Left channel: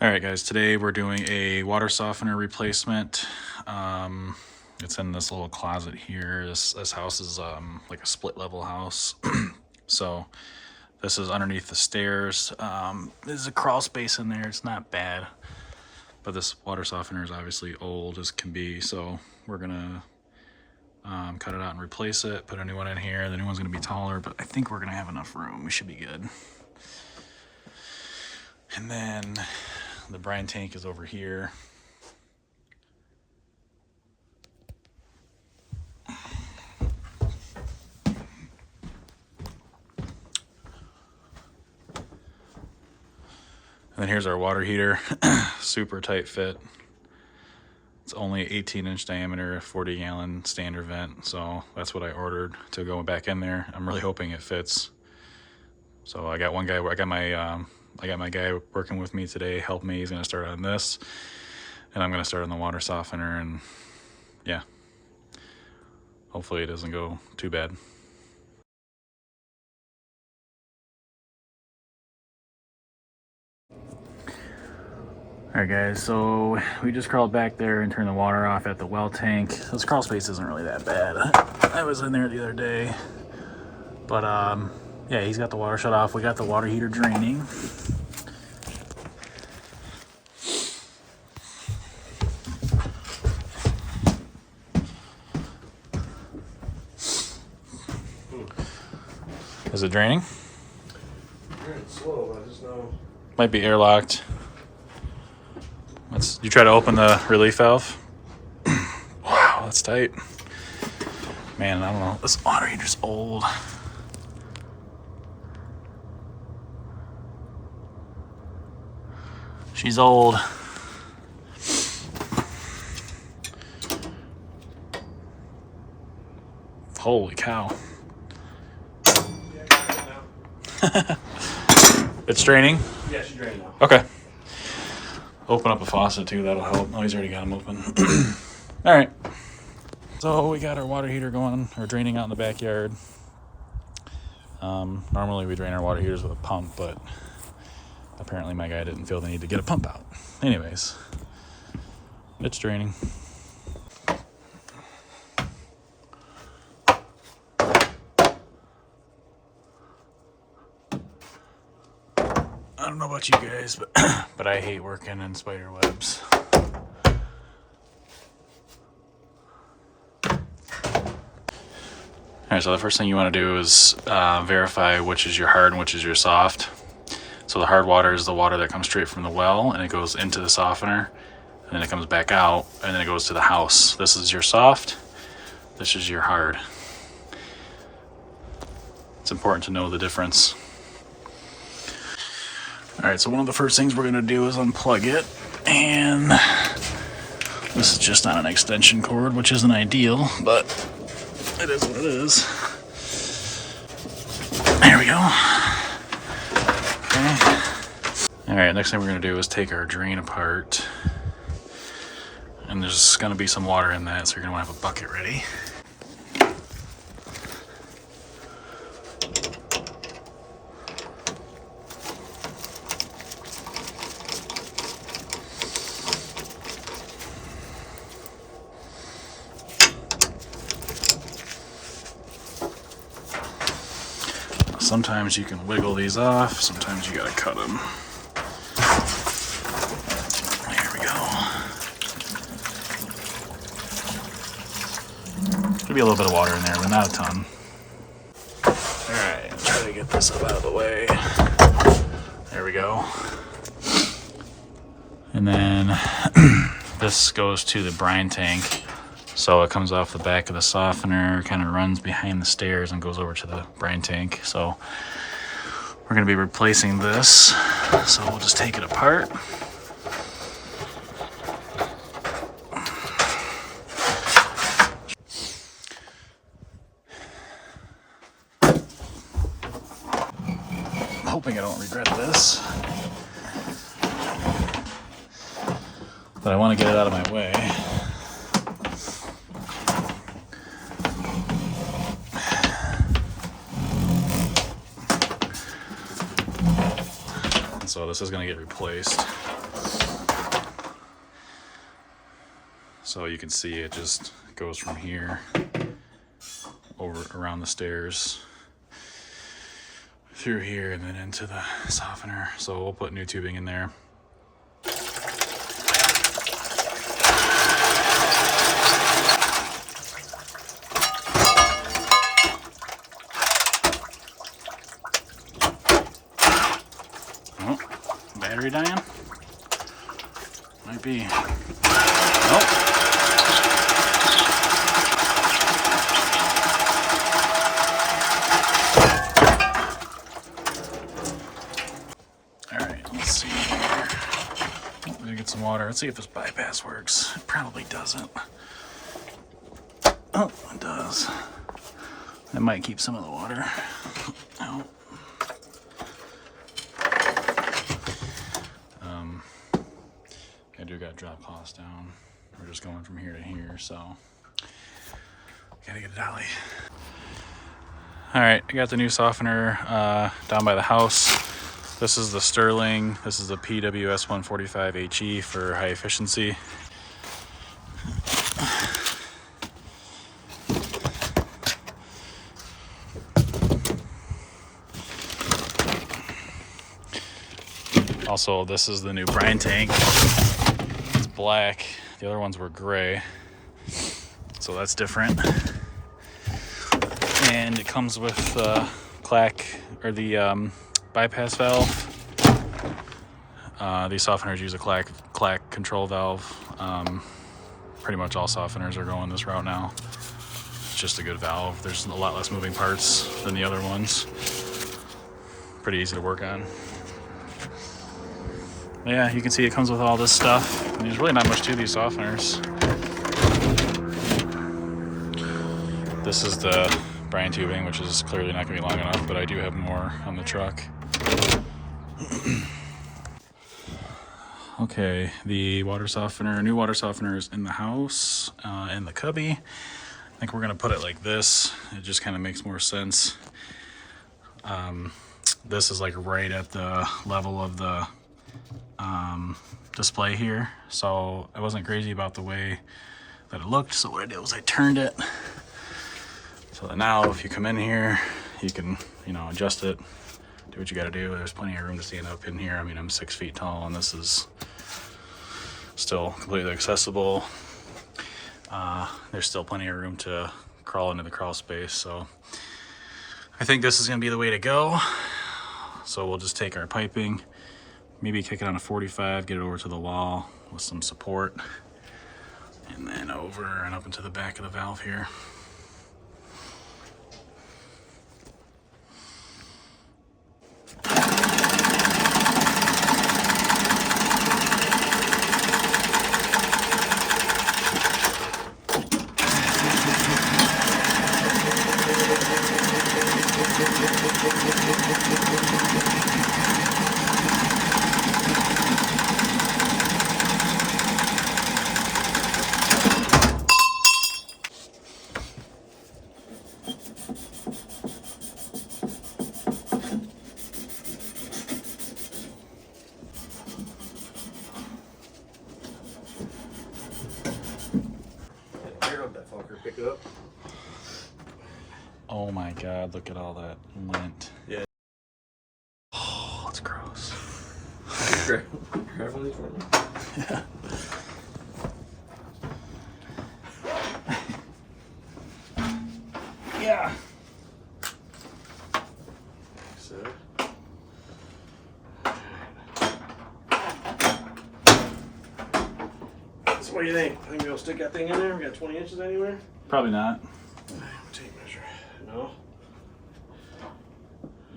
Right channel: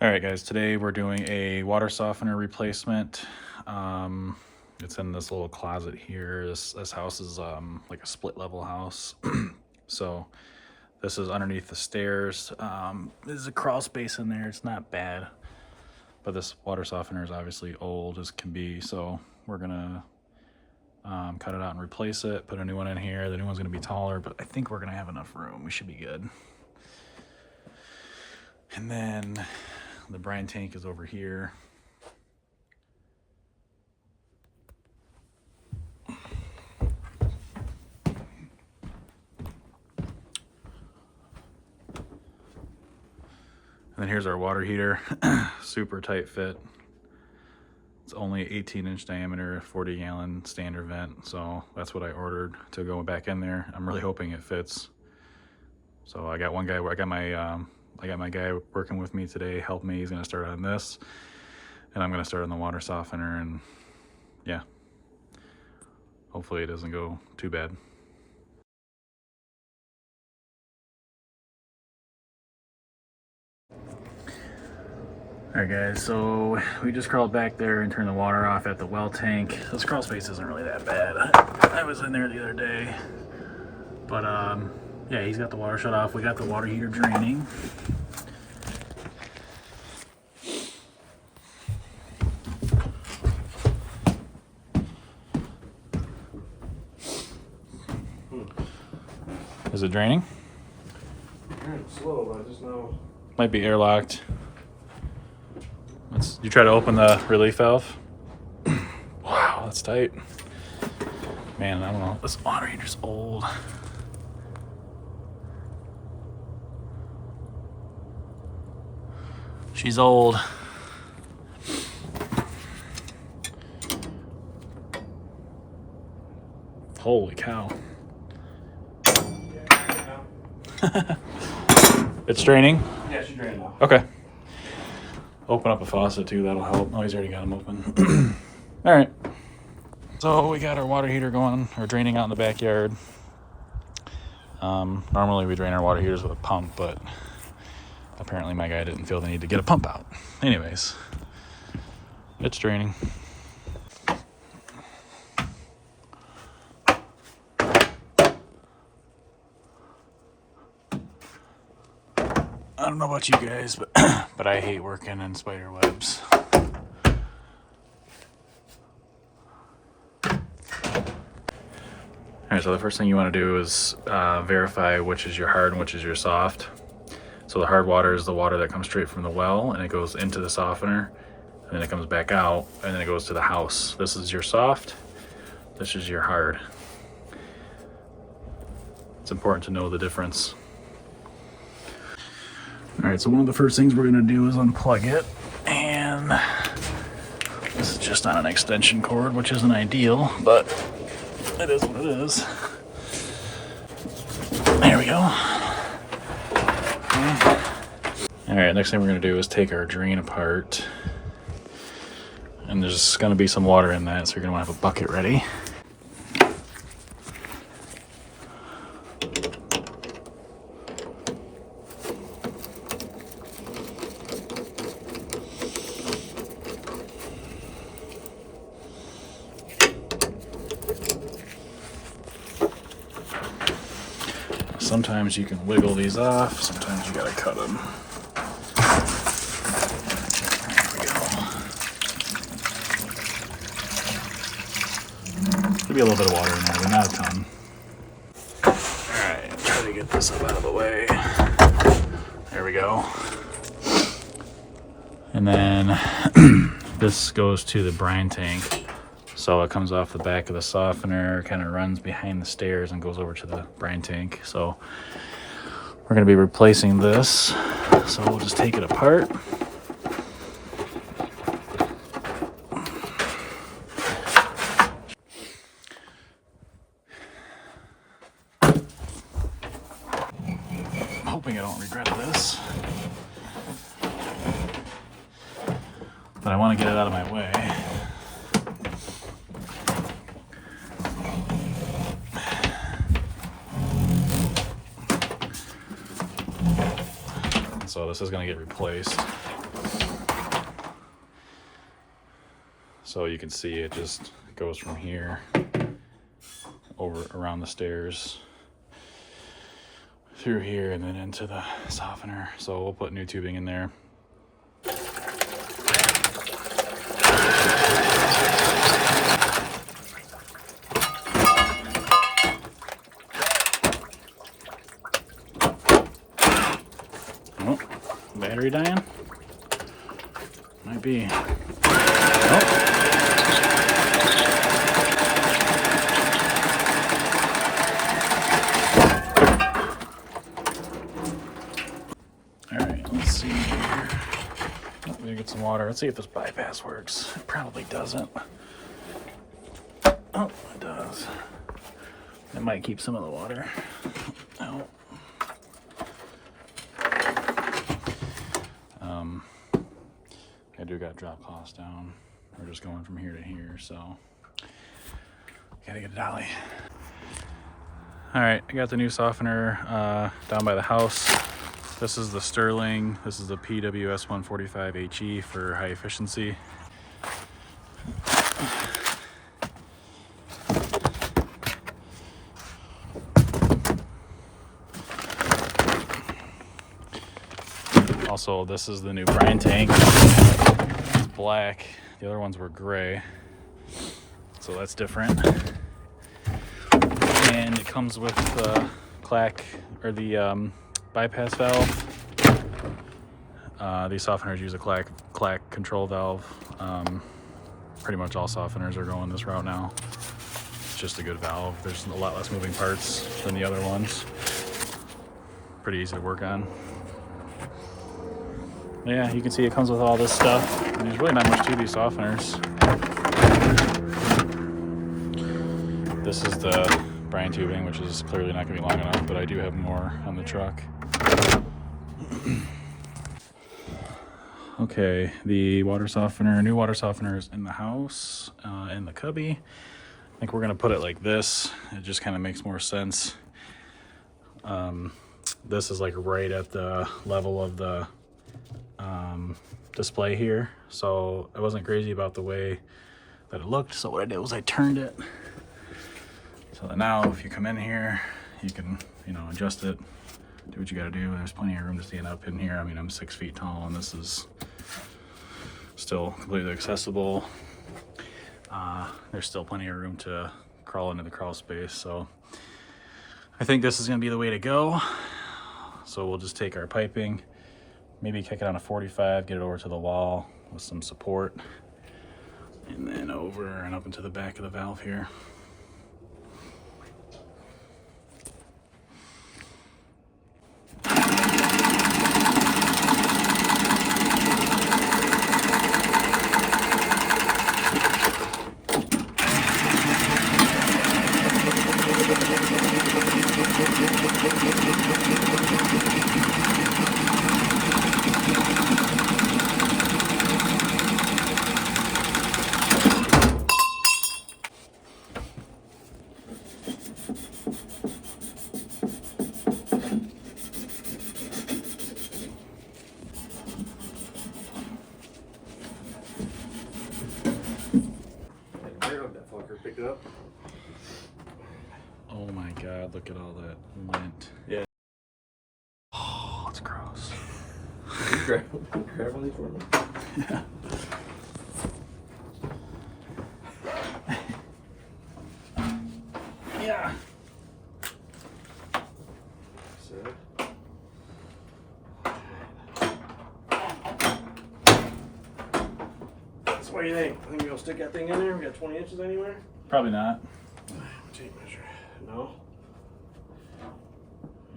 All right, guys, today we're doing a water softener replacement. It's in this little closet here. This house is like a split level house. So this is underneath the stairs. There's a crawl space in there. It's not bad, but this water softener is obviously old as can be. So we're gonna cut it out and replace it, put a new one in here. The new one's gonna be taller, but I think we're gonna have enough room. We should be good. And then the brine tank is over here. And then here's our water heater, super tight fit. It's only 18-inch diameter, 40-gallon standard vent, so that's what I ordered to go back in there. I'm really hoping it fits. So I got one guy. I got my guy working with me today, help me. He's gonna start on this, and I'm gonna start on the water softener, and yeah, hopefully it doesn't go too bad. Alright guys, so we just crawled back there and turned the water off at the well tank. This crawl space isn't really that bad. I was in there the other day. But yeah, he's got the water shut off. We got the water heater draining. Is it draining? It's slow, I just know. Might be airlocked. You try to open the relief valve. Wow, that's tight. Man, I don't know. This water heater's old. She's old. Holy cow. It's draining? Yeah, she's draining now. Okay. Open up a faucet too, that'll help. Oh, he's already got them open. All right. So we got our water heater going, or draining out in the backyard. Normally we drain our water heaters with a pump, but apparently my guy didn't feel the need to get a pump out. Anyways, it's draining. I don't know about you guys, but I hate working in spider webs. All right, so the first thing you want to do is verify which is your hard and which is your soft. So the hard water is the water that comes straight from the well, and it goes into the softener, and then it comes back out, and then it goes to the house. This is your soft, this is your hard. It's important to know the difference. All right, so one of the first things we're gonna do is unplug it, and this is just on an extension cord, which isn't ideal, but it is what it is. There we go. Okay. All right, next thing we're gonna do is take our drain apart, and there's gonna be some water in that, so you're gonna wanna have a bucket ready. Sometimes you can wiggle these off, sometimes you gotta cut them. There we go. There'll be a little bit of water in there, but not a ton. Alright, try to get this up out of the way. There we go. And then this goes to the brine tank. So it comes off the back of the softener, kind of runs behind the stairs and goes over to the brine tank. So we're going to be replacing this. So we'll just take it apart. I'm hoping I don't regret this, but I want to get it out of my way. So this is going to get replaced. So you can see it just goes from here over around the stairs through here and then into the softener. So we'll put new tubing in there. Oh, battery dying? Might be. Oh. Let's see here. Oh, we're gonna get some water. Let's see if this bypass works. It probably doesn't. Oh, it does. That might keep some of the water out. I do got drop costs down. We're just going from here to here, so gotta get a dolly. All right, I got the new softener down by the house. This is the Sterling. This is the PWS 145HE for high efficiency. Also, this is the new Brine tank. It's black. The other ones were gray. So that's different. And it comes with the bypass valve. These softeners use a clack control valve. Pretty much all softeners are going this route now. It's just a good valve. There's a lot less moving parts than the other ones. Pretty easy to work on. Yeah, you can see it comes with all this stuff. There's really not much to these softeners. This is the Brine tubing, which is clearly not going to be long enough, but I do have more on the truck. Okay, the water softener, new water softener is in the house, in the cubby. I think we're going to put it like this. It just kind of makes more sense. This is like right at the level of the display here, so I wasn't crazy about the way that it looked, so what I did was I turned it so that now if you come in here you can, you know, adjust it, do what you got to do. There's plenty of room to stand up in here. I mean, I'm 6 feet tall and this is still completely accessible. There's still plenty of room to crawl into the crawl space, so I think this is going to be the way to go. So we'll just take our piping, maybe kick it on a 45, get it over to the wall with some support, and then over and up into the back of the valve here. Pick it up. Oh my god, look at all that lint. Yeah. Oh, it's gross. Grab one of these for me. Yeah. Yeah. So. So what do you think? I think we'll stick that thing in there? We got 20 inches anywhere? Probably not. Tape measure. No?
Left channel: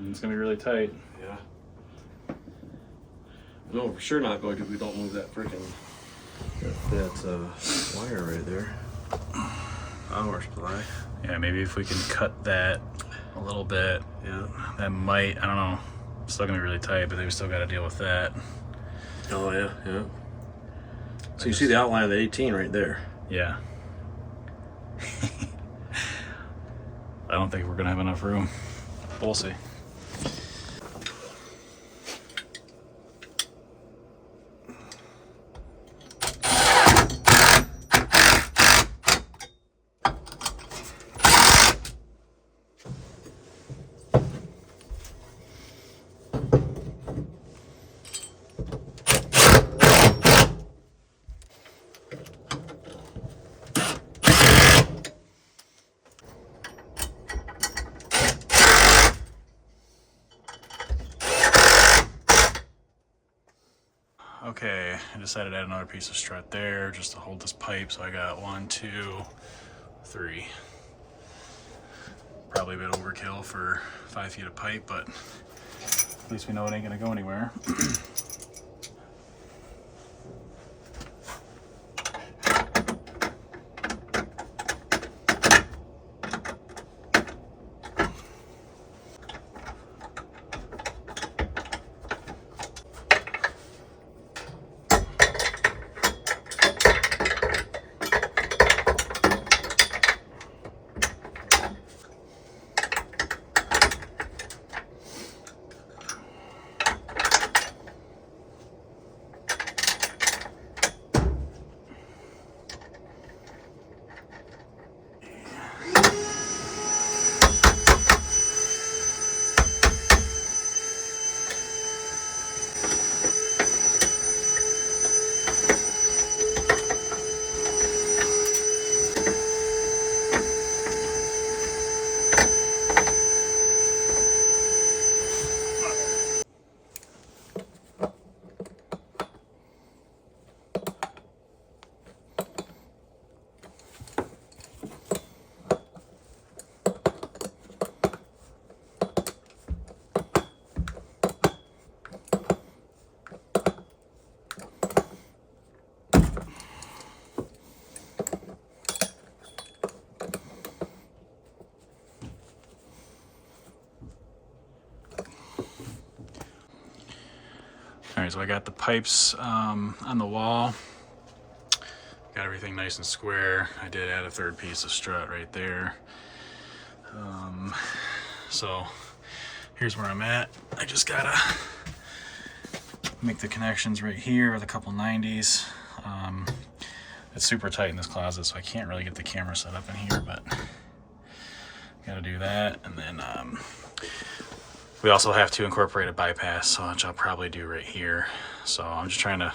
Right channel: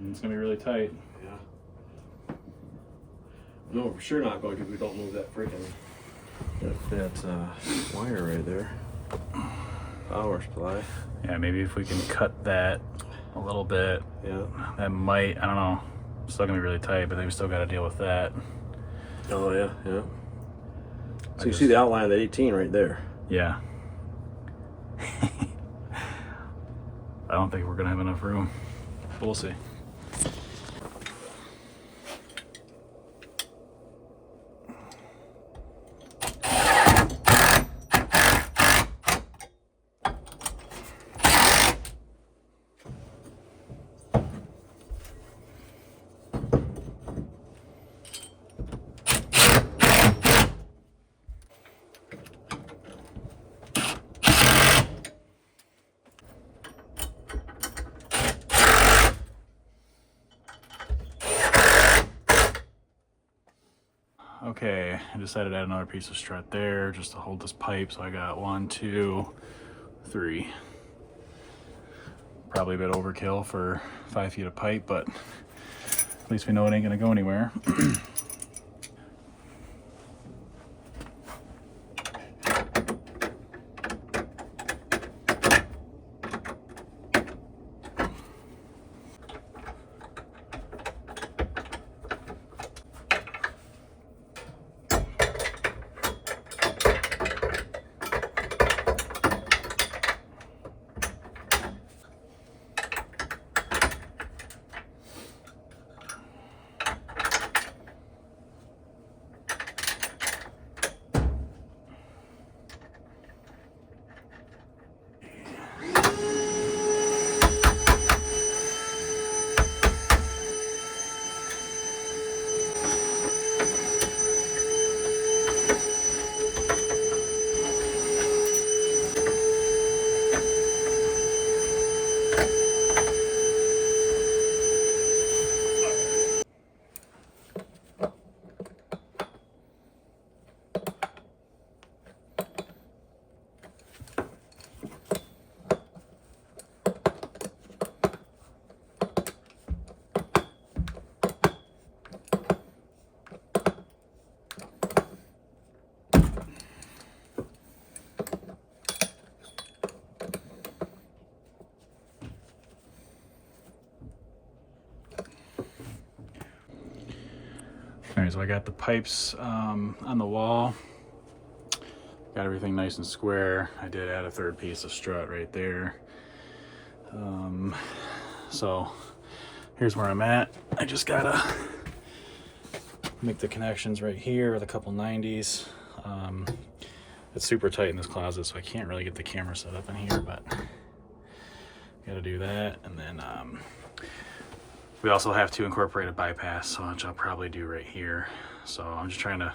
It's gonna be really tight. Yeah. No, we're sure not going to if we don't move that freaking wire right there. Power supply. Yeah, maybe if we can cut that a little bit. Yeah. That might, I don't know. It's still gonna be really tight, but then we still gotta deal with that. Oh yeah, yeah. So you see the outline of the 18 right there. Yeah. I don't think we're gonna have enough room, but we'll see. Okay, I decided to add another piece of strut there just to hold this pipe. So I got 1, 2, 3. Probably a bit overkill for 5 feet of pipe, but at least we know it ain't gonna go anywhere. All right, so I got the pipes on the wall. Got everything nice and square. I did add a 3rd piece of strut right there. So here's where I'm at. I just gotta make the connections right here with a couple 90s. It's super tight in this closet, so I can't really get the camera set up in here, but gotta do that. And then we also have to incorporate a bypass, which I'll probably do right here. So I'm just trying to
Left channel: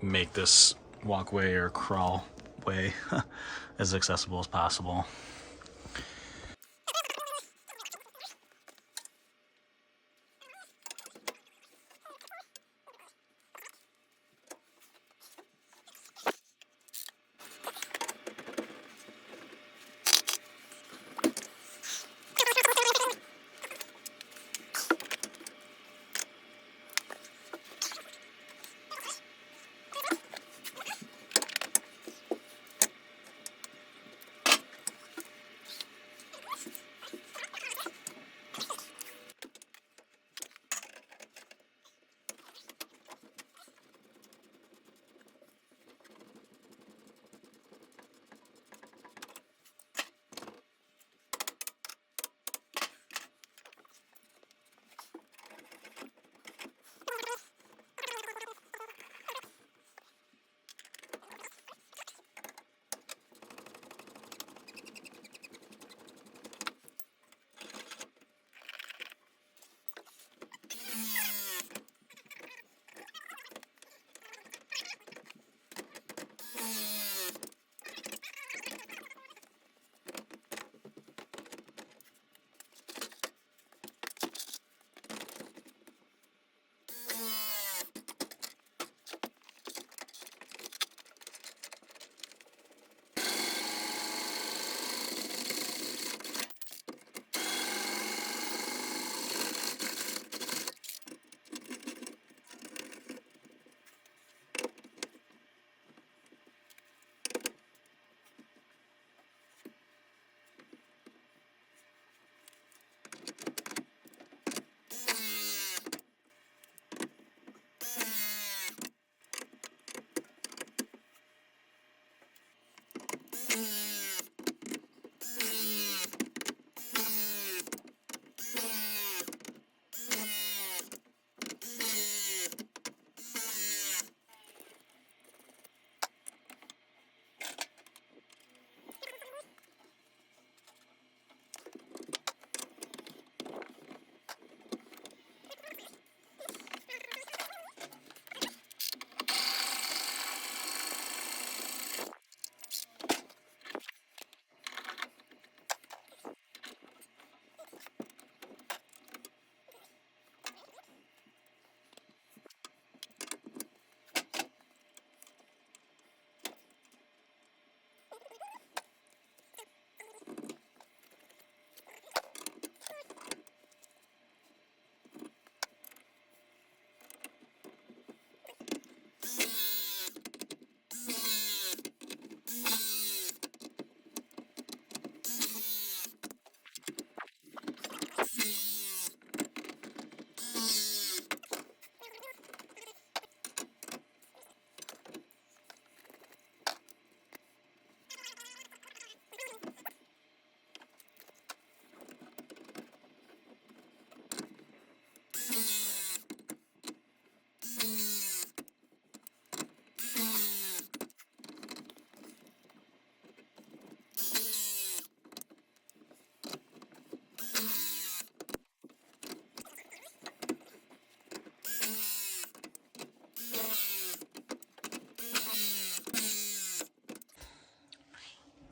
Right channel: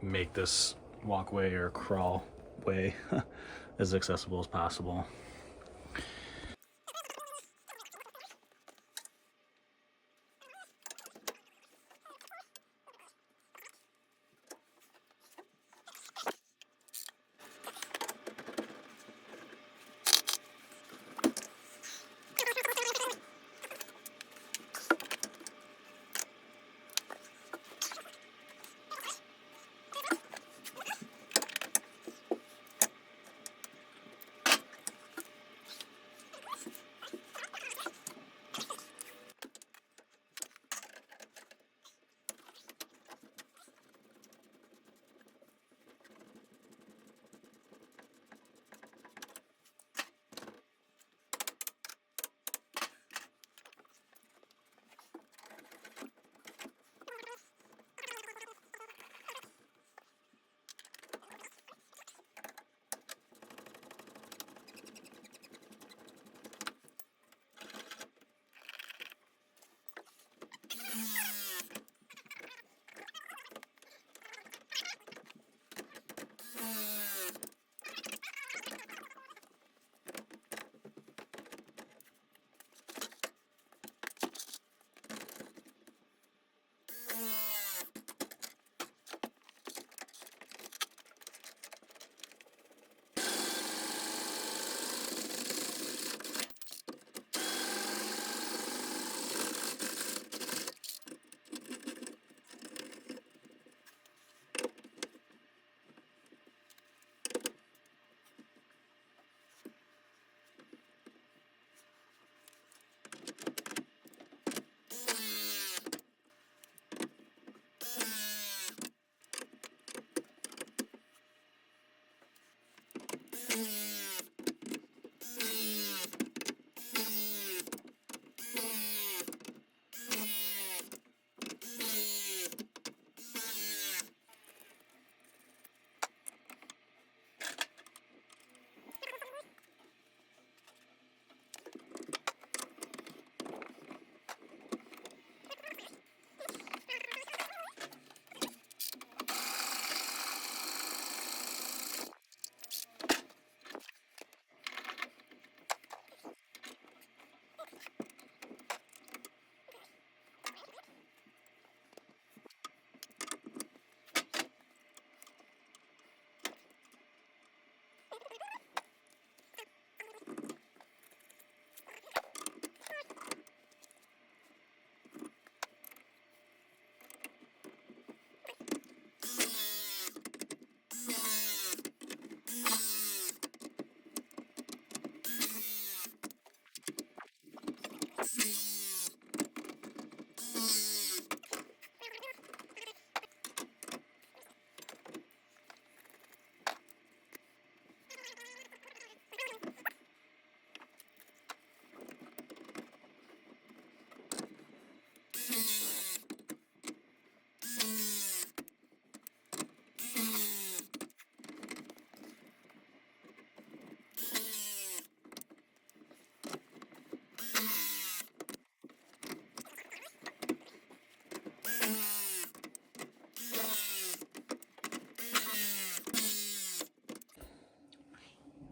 make this walkway or crawl way as accessible as possible.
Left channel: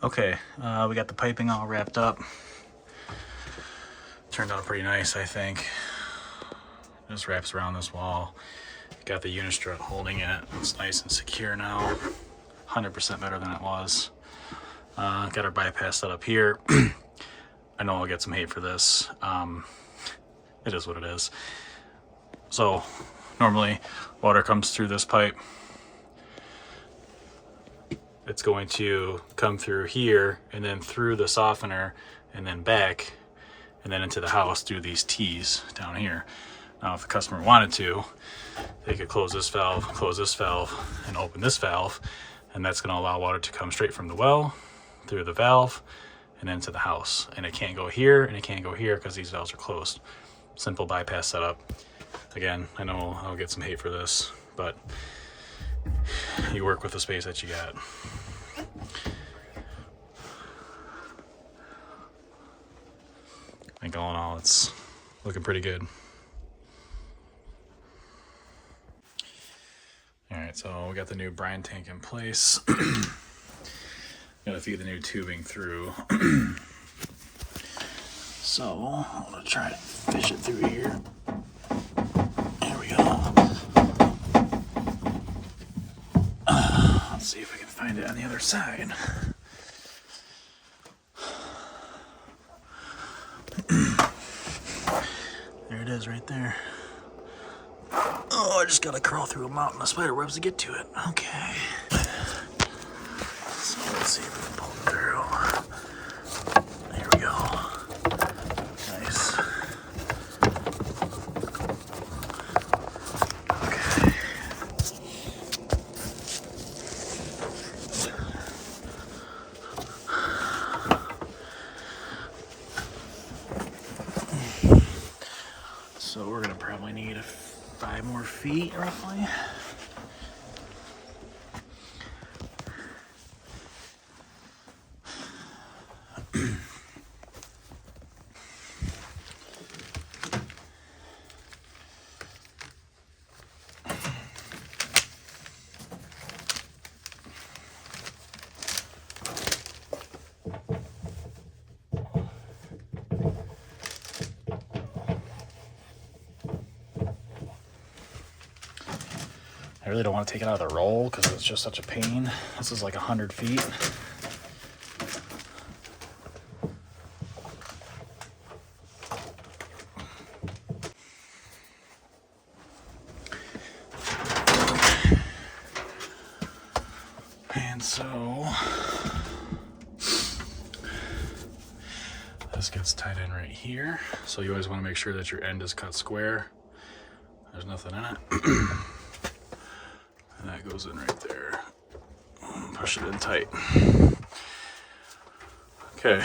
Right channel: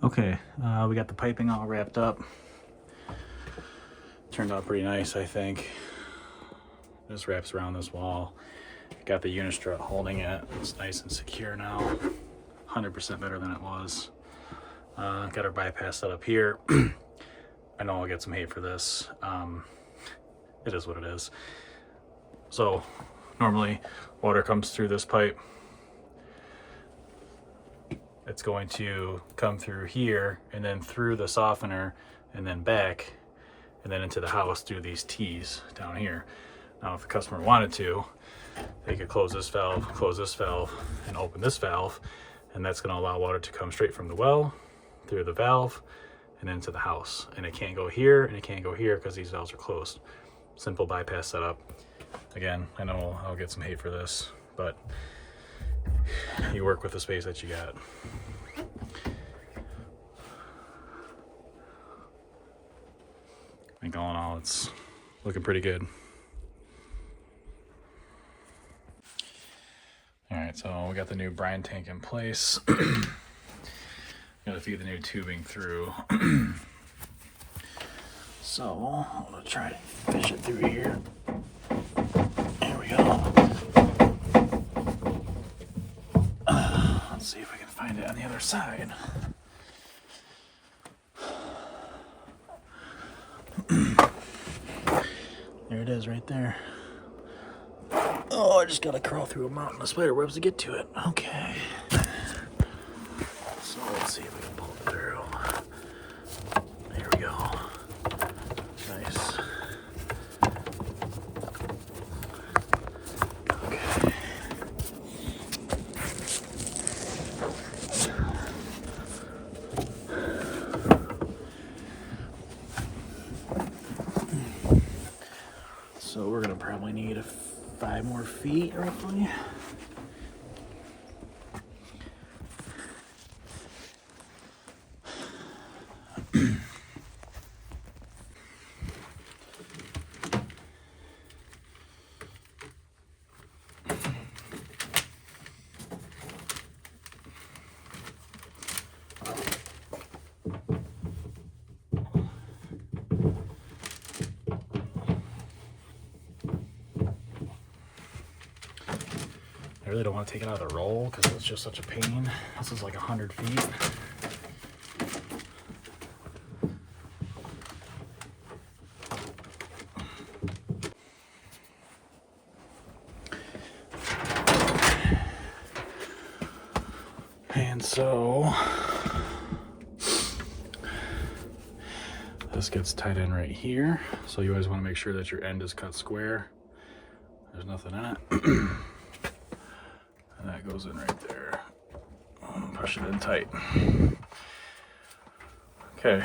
Okay, we got the piping all wrapped up. Turned out pretty nice, I think. Just wraps around this wall. Got the unistrut holding it. It's nice and secure now. 100% better than it was. Got our bypass set up here. I know I'll get some hate for this. It is what it is. So normally water comes through this pipe. It's going to come through here and then through the softener and then back and then into the house through these T's down here. Now if the customer wanted to, they could close this valve, and open this valve, and that's going to allow water to come straight from the well through the valve and into the house. And it can't go here and it can't go here because these valves are closed. Simple bypass setup. Again, I know I'll get some hate for this, but you work with the space that you got. I think all in all, it's looking pretty good. All right, so we got the new brine tank in place. Gotta feed the new tubing through. So I'm gonna try to fish it through here. There we go. Let's see if we can find it on the other side. There it is right there. Oh, I just gotta crawl through a mountain of spider webs to get to it. Okay. So let's see if we can pull it through. There we go. Nice. Okay. So we're gonna probably need 5 more feet roughly. I really don't want to take it out of the roll because it's just such a pain. This is like 100 feet. And so this gets tied in right here. So you always want to make sure that your end is cut square. There's nothing in it. And that goes in right there. Push it in tight. Okay.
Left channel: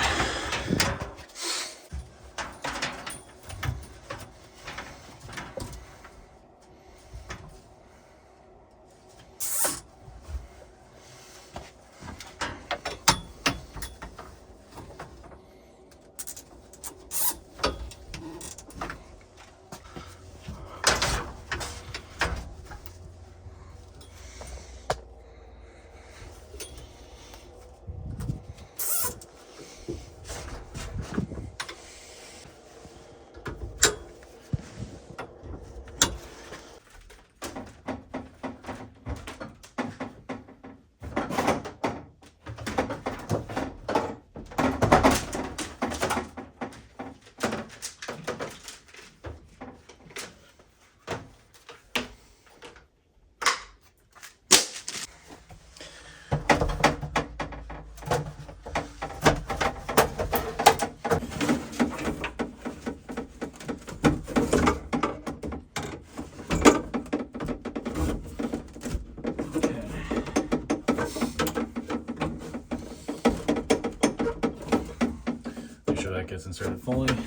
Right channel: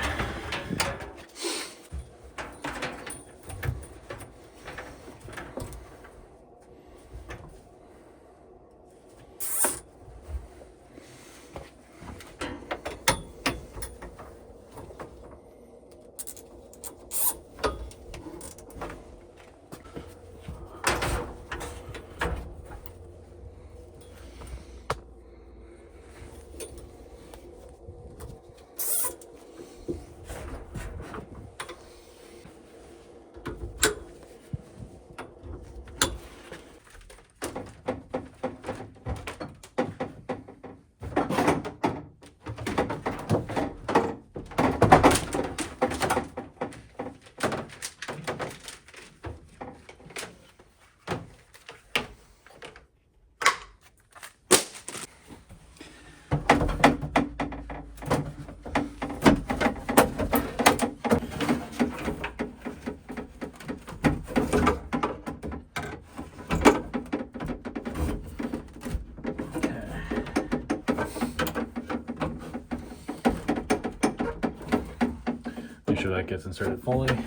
Make sure that gets inserted fully. Close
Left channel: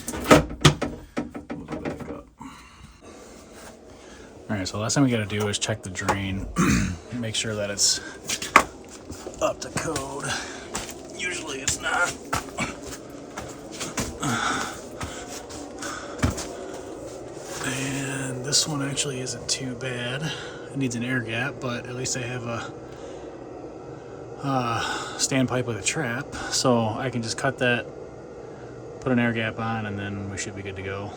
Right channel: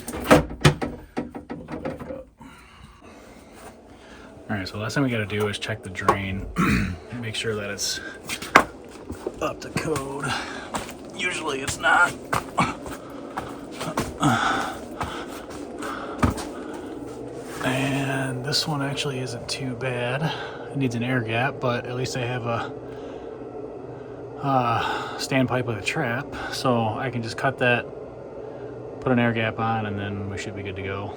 it back up. Alright, so the last thing we gotta do is check the drain. Make sure that it's up to code. Usually it's not. And this one actually isn't too bad. It needs an air gap, but at least I have a standpipe with a trap, so I can just cut that, put an air gap on, and then we should be good to go.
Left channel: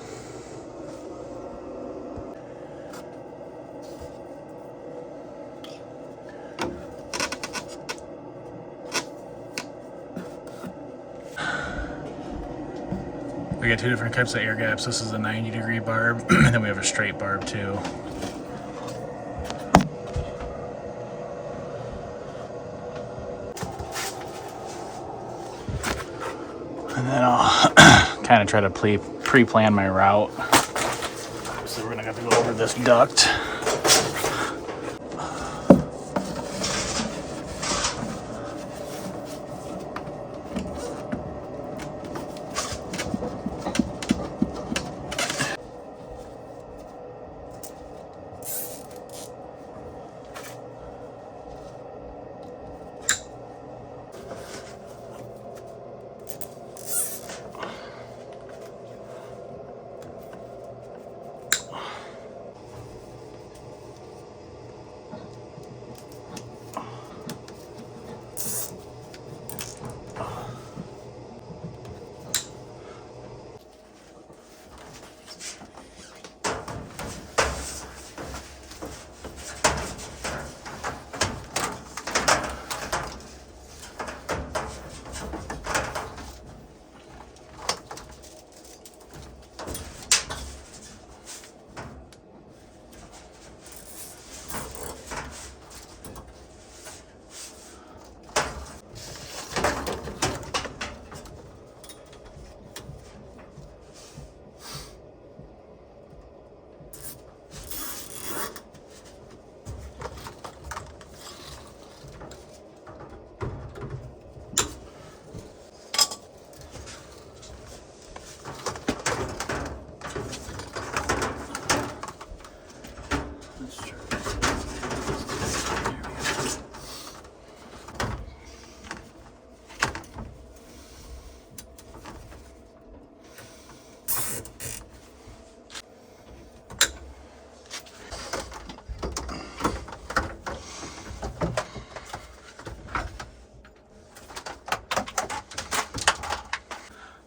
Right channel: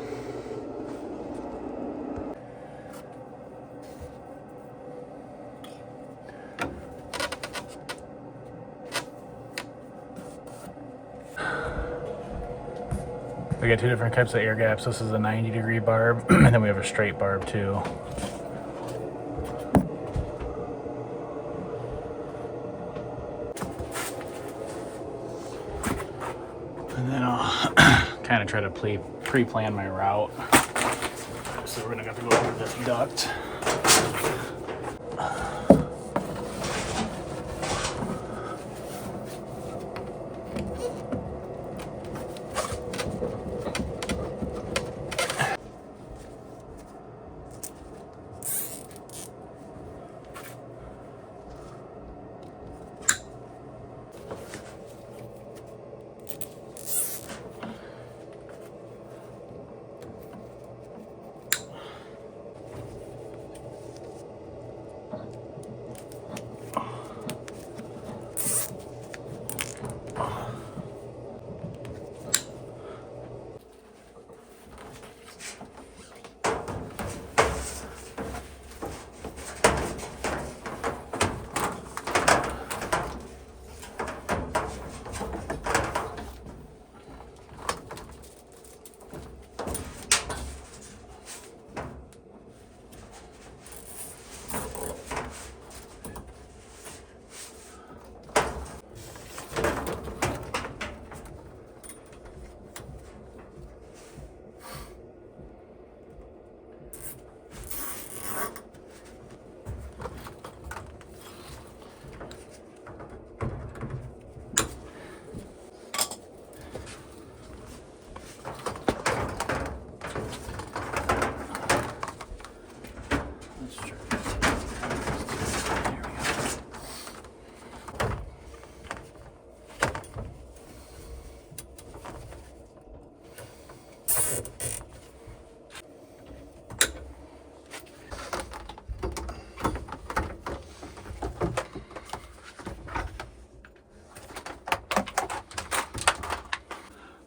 We got two different types of air gaps. This is a 90-degree barb, and then we have a straight barb too. And then I'll kind of try to pre-plan my route. So we're gonna have to go over this duct.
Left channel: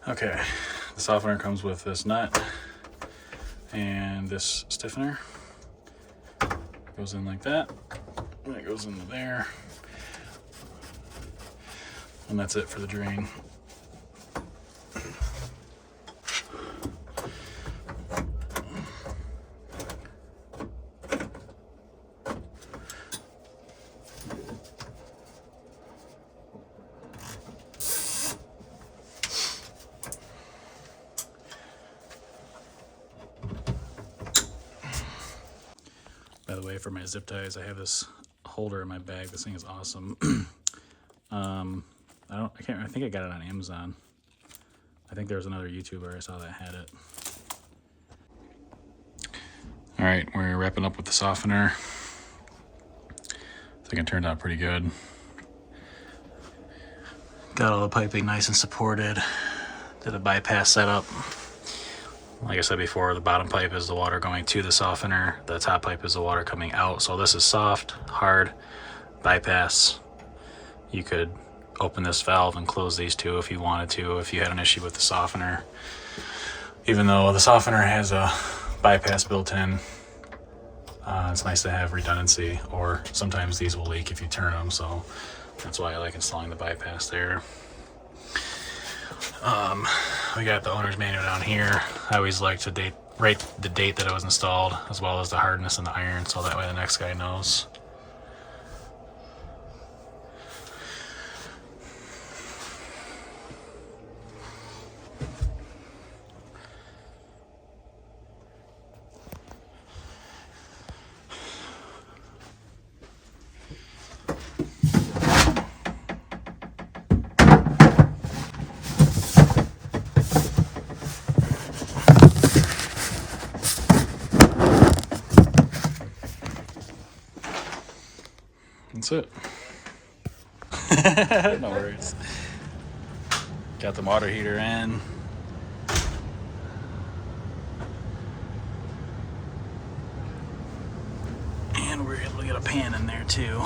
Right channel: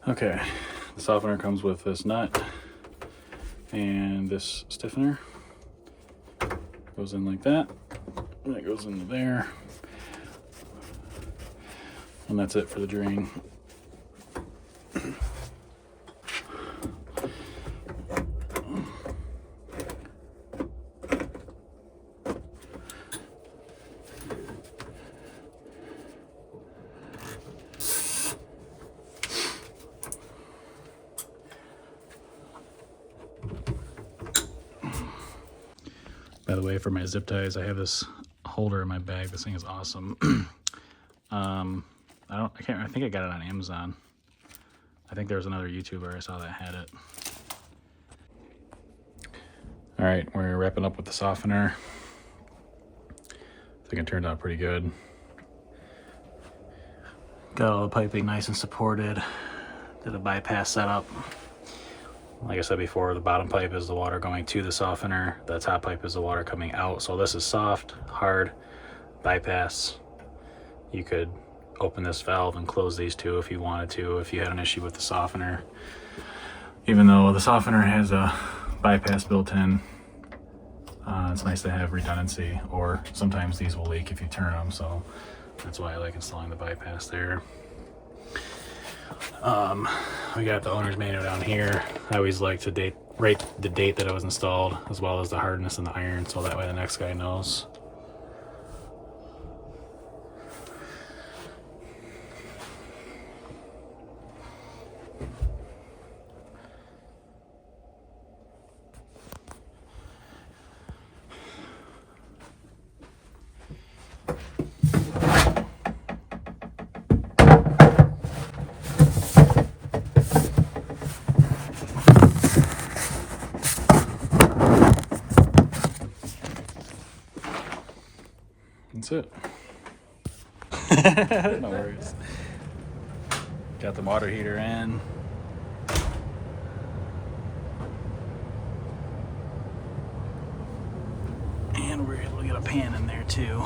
Okay, the softener comes with this nut and this stiffener. Goes in like that, and it goes into there. And that's it for the drain. By the way, for my zip ties, I have this holder in my bag. This thing is awesome. I think I got it on Amazon. I think there was another YouTuber I saw that had it. All right, we're wrapping up with the softener. I think it turned out pretty good. Got all the piping nice and supported. Did a bypass setup. Like I said before, the bottom pipe is the water going to the softener. The top pipe is the water coming out. So this is soft, hard, bypass. You could open this valve and close these two if you wanted to, if you had an issue with the softener. Even though the softener has a bypass built in, it's nice to have redundancy, or sometimes these will leak if you turn them, so that's why I like installing the bypass there. We got the owner's manual down here. I always like to write the date that it was installed, as well as the hardness and the iron, so that way the next guy knows. That's it. No worries. Got the water heater in. And we're able to get a pan in there too.